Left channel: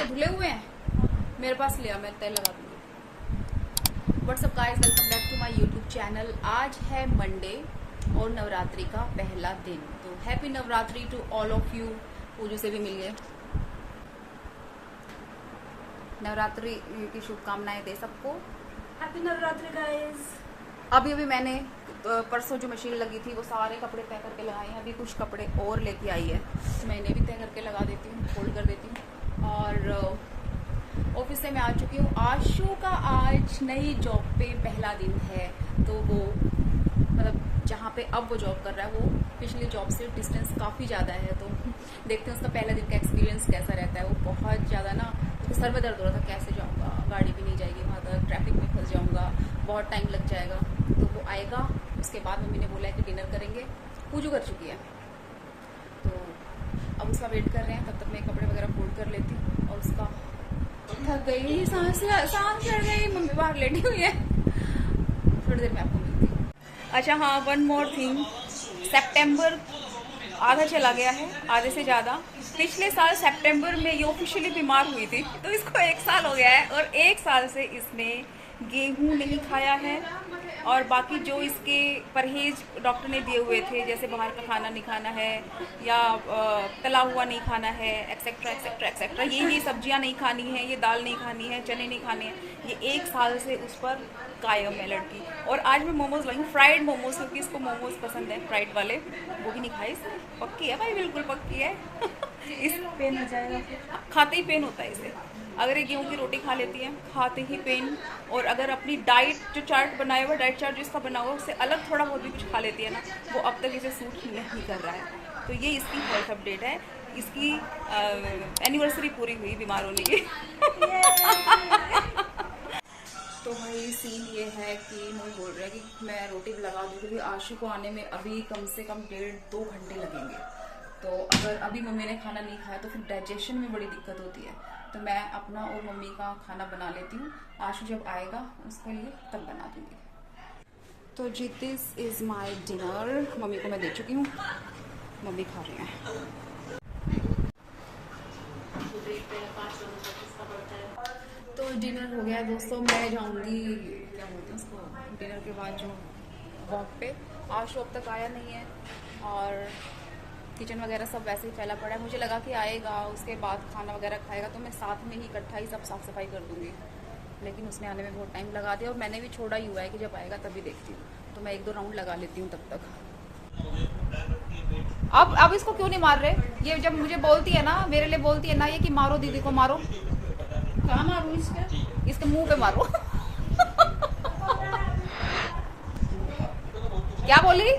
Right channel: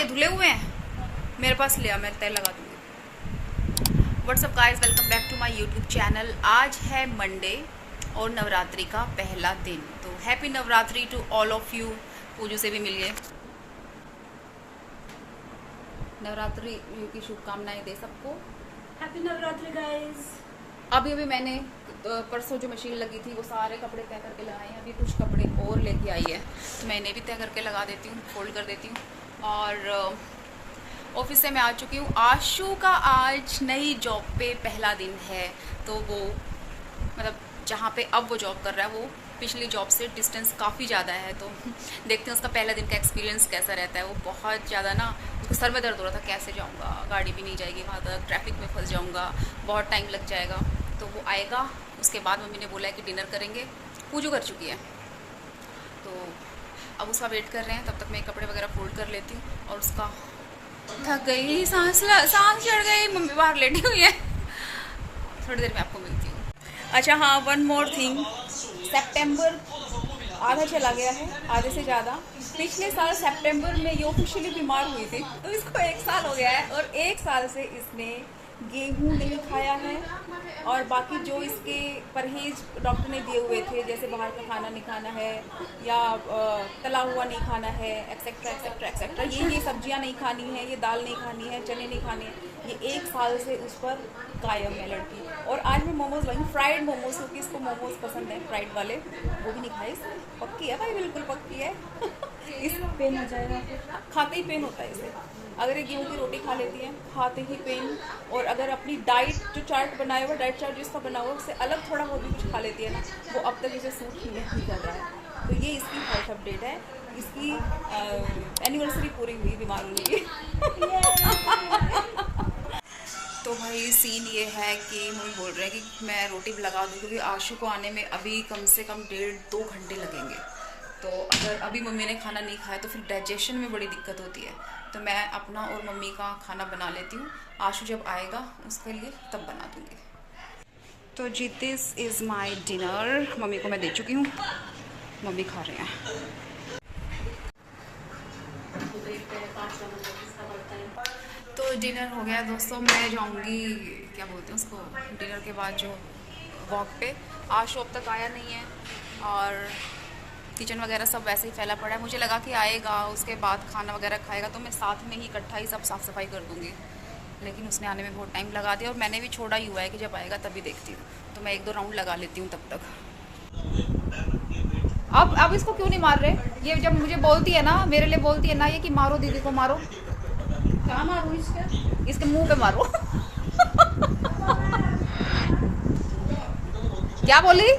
ये धुले हुए हैं, मेरे पास ले आ, मैं तय लगा दूंगी। What's up guys, welcome back to my YouTube channel. आज है मंडे और नवरात्रि का पहला दिन, तो happy Navratri to all of you. Pooju से भी मिलिए, नवरात्रि की शुभकामनाएं दे सबको। Happy Navratri guys. अभी अभी मैंने परसों जो मशीन लगी थी वो सारे कपड़े तय करके लगाए हैं। अभी कुछ कपड़े और लेके आई है, तो मैं इन्हें भी तय करके लगा देती हूँ, फोल्ड कर देती हूँ। और ऑफिस से मैं आ चुकी हूँ। आशु का आज नई जॉब पे पहला दिन है, तो वो मतलब जहाँ पे अब वो जॉब कर रहा है वो पिछली जॉब से डिस्टेंस काफ़ी ज़्यादा है, तो देखते हैं उसका पहला दिन का एक्सपीरियंस कैसा रहता है। वो बहुत ज़्यादा ना, उसको सर में दर्द हो रहा था, कैसे जाऊँगा, गाड़ी भी नहीं जाएगी वहाँ तक, ट्रैफिक में फंस जाऊँगा, बहुत टाइम लग जाएगा। तो वो आएगा, उसके बाद मम्मी ने बोला है कि डिनर करेंगे। पूजू कर चुकी है, तो अब उसका वेट कर रहे हैं। तब तक मैं कपड़े वगैरह फोल्ड कर लेती हूँ। और उसका थक गई, सांस चढ़ गई, मम्मी बाहर लेटी हुई है। थोड़ी देर में आपको मिलती हूँ। अच्छा हाँ, वन मोर थिंग, सितंबर आधा चला गया है, आधे से ज़्यादा। पिछले साल सितंबर में ये ऑफिशियली बीमार हुई थी, तो इसको 1 साल हो गया है। और 1 साल से इसने गेहूं नहीं खाया है, और बाकी जो इसके परहेज डॉक्टर ने दिए हुए थे, जैसे बाहर का खाना नहीं खाना है, या तला हुआ नहीं खाना है, एक्सेट्रा एक्सेट्रा एक्सेट्रा, ये सब्जियां नहीं खानी है, ये दाल नहीं खानी है, चने नहीं खाने हैं, ये 1 साल से उस पर कायम है लड़की। और आज मैं मोमोज लाई, फ्राइड मोमोज, क्योंकि इसको मोमोज पसंद है फ्राइड वाले, वो भी नहीं खाई। पक्की है भाई, बिल्कुल पक्की है। इस पेन हो जाएगा, खाते ही पेन होता है इसे। अगर ये गेहूं की रोटी खा लेती है, खाते ही पेन। और अगर अपनी डाइट जो चार्ट बनाया हुआ, डाइट चार्ट जिसका बना हुआ, उससे अलग थोड़ा बहुत भी कुछ खा लेती है ना, वो अब तक इसे सूट ही नहीं कर रहा है। तो ये इसकी हेल्थ अपडेट है, इसकी एनिवर्सरी पूरी हुई बीमार होने की। तो भाई सीन ये है कि मम्मी बोल रहे हैं कि मैं रोटी भी लगा दूँ, क्योंकि आशु को आने में अभी कम से कम 1.5-2 घंटे लगेंगे। तो अगर अभी मम्मी ने खाना नहीं खाया तो फिर डाइजेशन में बड़ी दिक्कत होती है। तो मैं अपना और मम्मी का खाना बना लेती हूँ, आशु जब आएगा उसके लिए तब बना दूँगी। तो जी, this is my dinner. Mummy को मैं दे चुकी हूँ, मम्मी खा रहे हैं। तो डिनर हो गया दोस्तों। मैं जाऊंगी, क्या बोलते हैं उसको, डिनर के बाद जो वॉक पे। आशु अब तक आया नहीं है, और किचन वगैरह सब वैसे ही फैला पड़ा है। मुझे लगा कि आएगा, उसके बाद खाना वगैरह खाएगा, तो मैं साथ में ही इकट्ठा ही सब साफ़ सफाई कर दूँगी। लेकिन उसने आने में बहुत टाइम लगा दिया, और मैंने भी छोड़ा ही हुआ है कि जब आएगा तभी देखती हूँ। तो मैं 1-2 राउंड लगा लेती हूँ तब तक। अब इसको क्यों नहीं मार रहे? ये जब मुझे बोलती है ना, मेरे लिए बोलती है ना ये, कि मारो दीदी को मारो। कहाँ मारूं इसके मुंह पे मारो। क्या बोली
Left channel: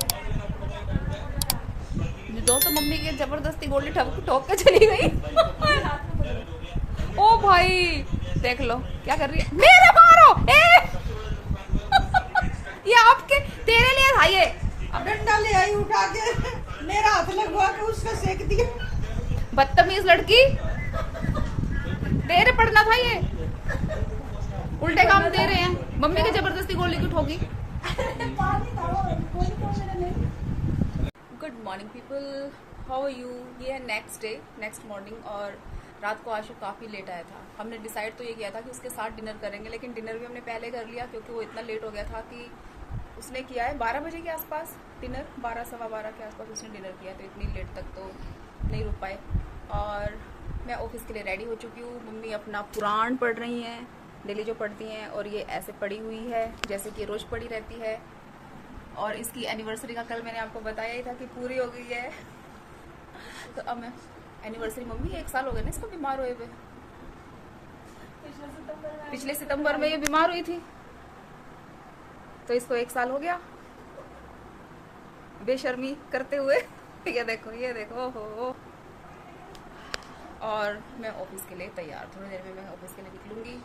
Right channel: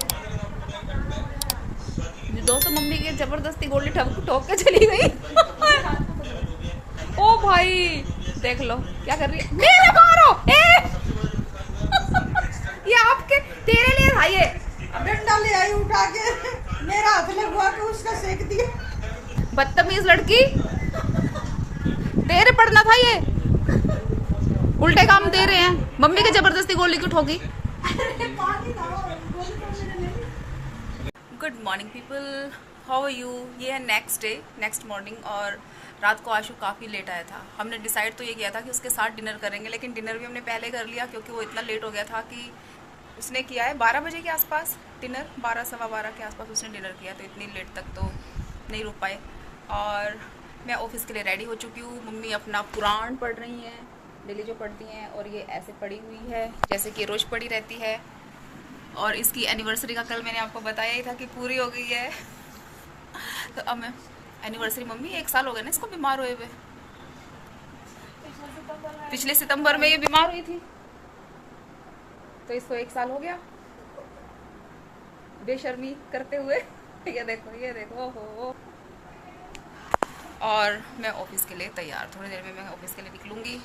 दोस्तों? मम्मी के जबरदस्ती गोली ठोक के चली गई। ओ भाई देख लो क्या कर रही है, मेरे मारो। ये आपके तेरे लिए था ये। अब डंडा ले आई उठा के, मेरा हाथ लगवा के उसका सेक दिया। बदतमीज लड़की, तेरे पड़ना था ये, उल्टे काम दे रहे हैं। मम्मी के जबरदस्ती गोली क्यों ठोकी? Good morning people, how are you. ये है नेक्स्ट डे, नेक्स्ट मॉर्निंग। और रात को आशु काफ़ी लेट आया था। हमने डिसाइड तो ये किया था कि उसके साथ डिनर करेंगे, लेकिन डिनर भी हमने पहले कर लिया, क्योंकि वो इतना लेट हो गया था कि उसने किया है 12 बजे के आसपास डिनर, 12 सवा 12 के आसपास उसने डिनर किया, तो इतनी लेट तक तो नहीं रुक पाए। और मैं ऑफिस के लिए रेडी हो चुकी हूँ। मम्मी अपना पुराण पढ़ रही हैं, डेली जो पढ़ती हैं, और ये ऐसे पड़ी हुई है जैसे कि रोज़ पड़ी रहती है। और इसकी एनिवर्सरी का कल मैंने आपको बताया ही था कि पूरी हो गई है। तो अब मैं एनिवर्सरी, मम्मी 1 साल हो गए ना इसको बीमार हुए हुए। पिछले सितंबर में ये बीमार हुई थी, तो इसको 1 साल हो गया बेशर्मी करते हुए। ये देखो, ये देखो, हो। और मैं ऑफिस के लिए तैयार, थोड़ी देर में मैं ऑफिस के लिए निकलूँगी।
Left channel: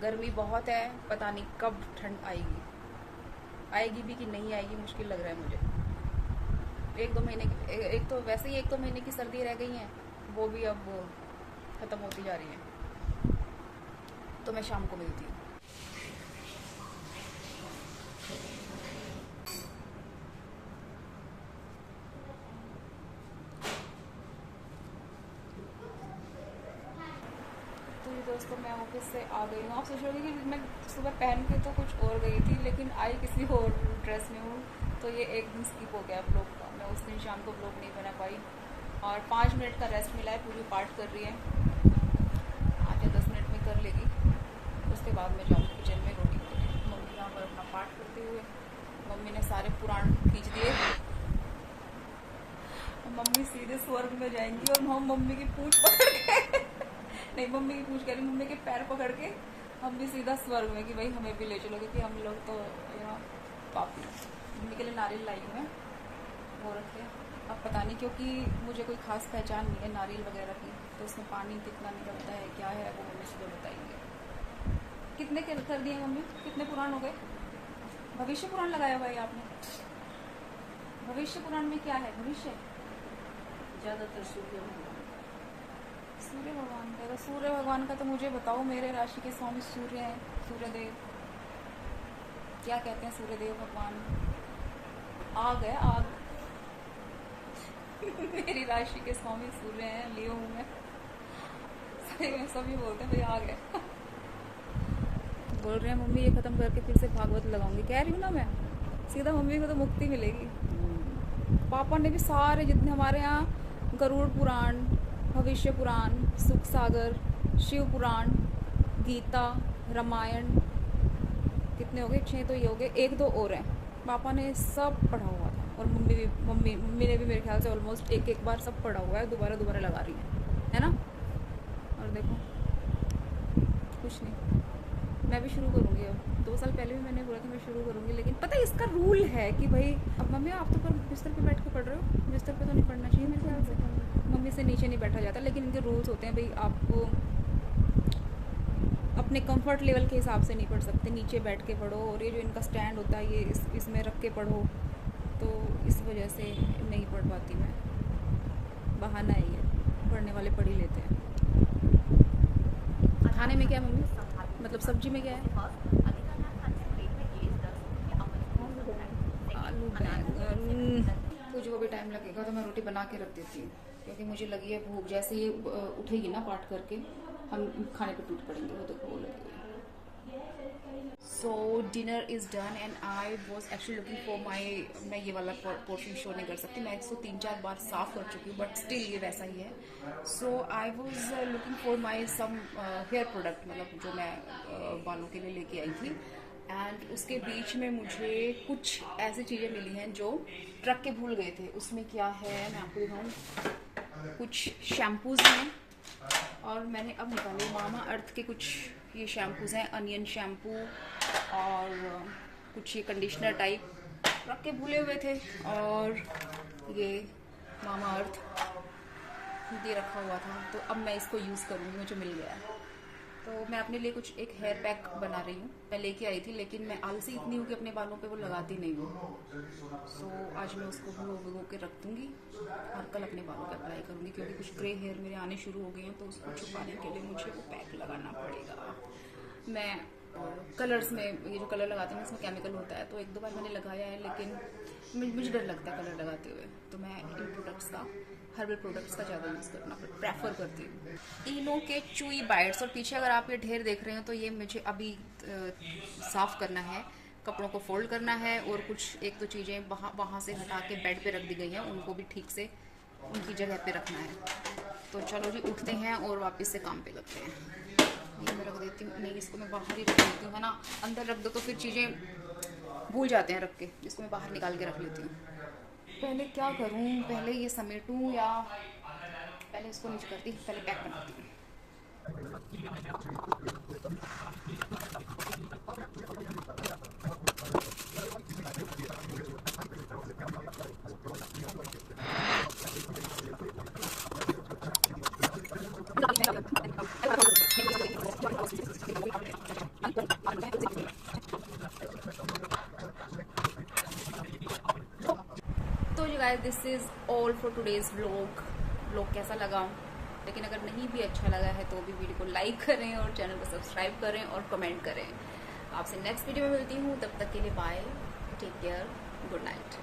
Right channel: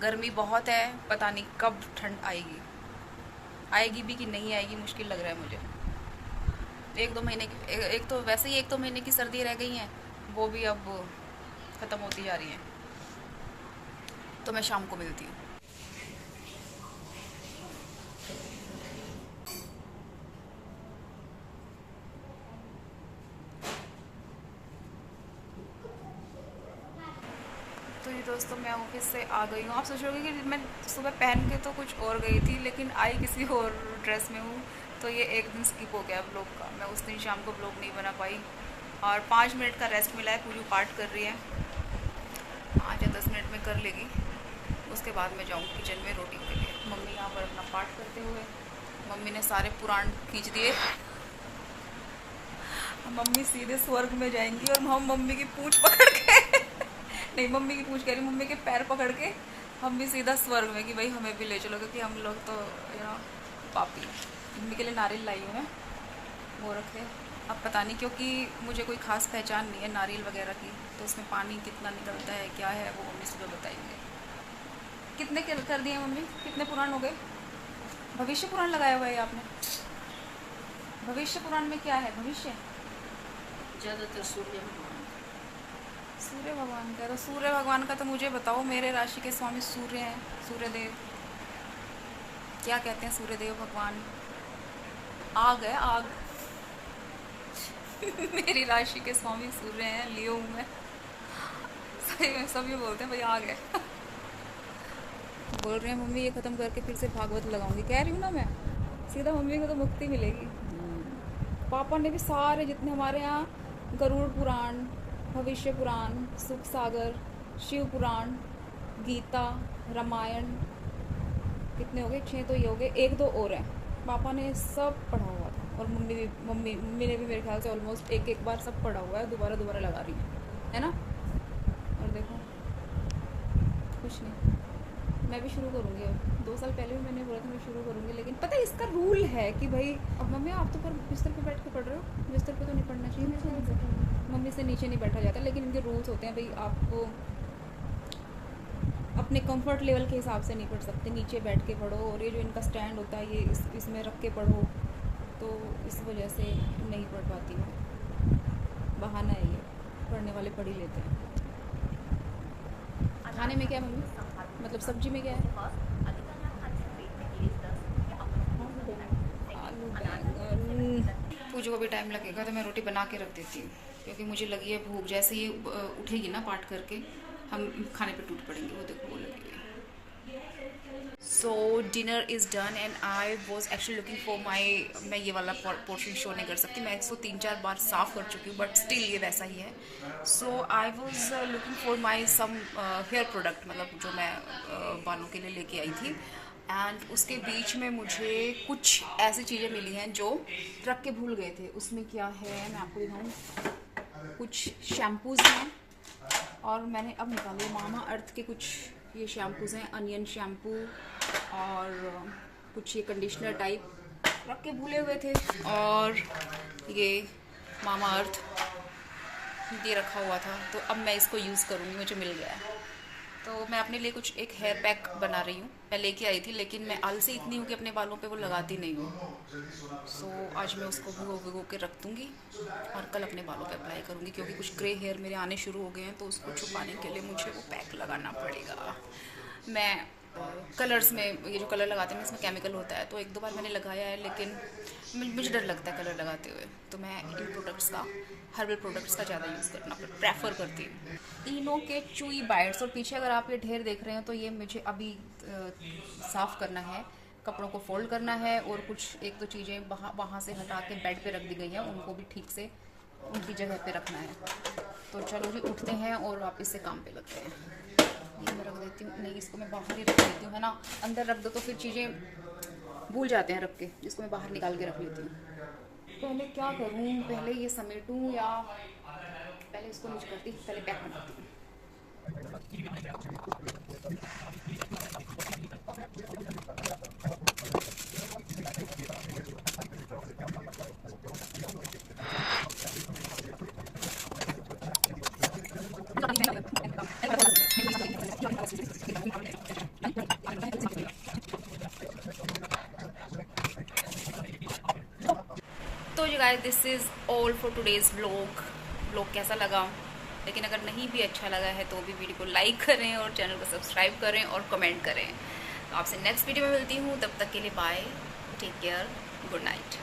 गर्मी बहुत है, पता नहीं कब ठंड आएगी भी कि नहीं आएगी, मुश्किल लग रहा है मुझे। 1-2 महीने की, एक तो वैसे ही 1-2 महीने की सर्दी रह गई हैं, वो भी अब ख़त्म होती जा रही हैं। तो मैं शाम को मिलती हूँ। तो अभी दोस्तों मैं ऑफिस से आ गई हूँ। आप सोचोगे कि मैं सुबह पहन के तो कुछ और गई थी, लेकिन आई किसी और ड्रेस में हूँ, तो ये एक दिन स्किप हो गया ब्लॉग का। मैं उस दिन शाम को ब्लॉग नहीं बना पाई और 5 मिनट का रेस्ट मिला है। पूजू पाठ कर रही है, 5 या 10 मिनट में कर लेगी, उसके बाद मैं जाऊँ किचन में रोटी के लिए। मम्मी यहाँ पर अपना पाठ करते हुए, मम्मी ने सारे पुराण खींच दिए। मम्मी सीधे स्वर्ग में जाएंगी और हम मम्मी की पूंछ पकड़ के नहीं, मम्मी की पूंछ कह रही, मम्मी के पैर पकड़ के मम्मी सीधा स्वर्ग में कि भाई हमें भी ले चलो, क्योंकि हम लोग तो पापी। मम्मी के लिए नारियल लाई हूँ मैं, वो रखे। अब पता नहीं, क्योंकि मुझे कोई ख़ास पहचान नहीं है नारियल वगैरह की, तो उसमें पानी कितना निकलता है क्या है वो मम्मी सुबह बताएंगे। कितने कर दिए मम्मी? कितने पुराण हो गए? भविष्य पुराण लगाया हुआ है आपने? भविष्य पुराण में क्या है? भविष्य ज़्यादातर सूर्य भगवान का। तो सूर्य भगवान का तो मुझे बताओ। मेरे राशि के स्वामी सूर्य हैं, सूर्यदेव। क्या कहते हैं सूर्यदेव भगवान? आग है, आग। मेरी राशि के स्वामी सूर्य हैं, लियो हूँ मैं। सही में सभी बोलते हैं भाई आग है। बोल रहे हैं मम्मी ये ख़त्म करके फिर से भागवत लगाऊंगी। कह रही हूँ ना मैं, सीधा मम्मी को तो मुक्ति मिलेगी। पापा ने भी सारे जितने हमारे यहाँ गरुड़ पुराण, भविष्य पुराण, सुख सागर, शिव पुराण, गीता, रामायण, कितने हो गए? 6 तो ये हो गए, 1-2 और हैं। पापा ने सब पढ़ा हुआ था और मम्मी ने भी मेरे ख्याल से ऑलमोस्ट एक बार सब पढ़ा हुआ है। दोबारा लगा रही है ना। और देखो कुछ नहीं, मैं भी शुरू करूँगी। अब 2 साल पहले भी मैंने बोला था मैं शुरू करूँगी, लेकिन पता है इसका रूल है कि भाई अब मम्मी आप तो पर बिस्तर पे बैठ के पढ़ रहे हो, बिस्तर पे तो नहीं पढ़ना चाहिए मेरे ख्याल से। मम्मी से नीचे नहीं बैठा जाता, लेकिन इनके रूल्स होते हैं भाई, आपको अपने कंफर्ट लेवल के हिसाब से नहीं पढ़ सकते, नीचे बैठ के पढ़ो। और ये जो इनका स्टैंड होता है ये इसमें रख के पढ़ो, तो इस वजह से नहीं पढ़ पाती मैं। बहाना है ये, पढ़ने वाले पढ़ ही लेते हैं। खाने में क्या है मम्मी? मतलब सब्जी में क्या है? आलू बैंगन। पूजो को भी टाइम लगेगा तो मैं रोटी बना के रख देती हूँ, क्योंकि मुझे लगी है भूख। जैसे ये उठेगी ना पाठ करके, हम खाने पे टूट पड़ेंगे। वो देखो वो लगी है। सो dinner is done and I was actually looking for माई, मैं ये वाला पोर्शन शो नहीं कर सकती, मैं इसको 3-4 बार साफ़ कर चुकी हूँ, बट स्टिल ये वैसा ही है। So I was looking for my some hair product, मतलब जो मैं बालों के लिए लेके आई थी। एंड उसके बीच में मुझे कुछ ऐसी चीज़ें मिली हैं जो रख के भूल गए थे। उसमें क्या है मैं आपको दिखाऊँ। कुछ शैम्पूज़ हैं और मैंने अब निकाले मामा अर्थ के कुछ ये शैम्पूज़ हैं, अनियन शैम्पू और कुछ ये कंडीशनर टाइप रख के भूले हुए थे। और ये मामा अर्थ ये रखा हुआ था, तो अब मैं इसको यूज़ करूँगी, मुझे मिल गया है। तो मैं अपने लिए कुछ एक हेयर पैक बना रही हूँ। मैं लेके आई थी, लेकिन मैं आलसी इतनी हूँ कि अपने बालों पे वो लगाती नहीं हूँ। सो आज मैं उसको भिगो के रख दूँगी और कल अपने बालों पे अप्लाई करूँगी, क्योंकि कुछ ग्रे हेयर मेरे आने शुरू हो गए हैं, तो उसको छुपाने के लिए मुझे वो पैक लगाना पड़ेगा। मैं कलर्स में ये जो कलर लगाते हैं इसमें केमिकल होता है, तो 1-2 बार मैंने लगाया है, लेकिन मुझे डर लगता है कलर लगाते हुए, तो मैं इन प्रोडक्ट्स का, हर्बल प्रोडक्ट्स का ज़्यादा यूज़ करना प्रेफर करती हूँ। इनो के चुई बाइट्स, और पीछे अगर आप ये ढेर देख रहे हैं तो ये मुझे अभी साफ़ करना है, कपड़ों को फोल्ड करना है, और कुछ 1-2 चीज़ें वहाँ से हटा के बेड पे रख दी गई हैं, उनको भी ठीक से उनकी जगह पे रखना है। तो चलो जी उठते हैं और वापस से काम पे लगते हैं। ये मैं रख देती हूँ, नहीं इसको मैं बाहर ही रख देती हूँ, है ना। अंदर रख दो तो फिर चीज़ें भूल जाते हैं रख के, जिसको मैं बाहर निकाल के रख लेती हूँ। पहले क्या करूँ, पहले ये समेटूँ या पहले इसको नीचे करती, पहले पैक बनाती हूँ। तो जी guys, this is all for today's vlog कैसा लगा? लेकिन अगर नहीं भी अच्छा लगा है तो भी वीडियो को लाइक करें और चैनल को सब्सक्राइब करें और कमेंट करें। तो आपसे नेक्स्ट वीडियो में मिलती हूँ, तब तक के लिए bye, take care, good night.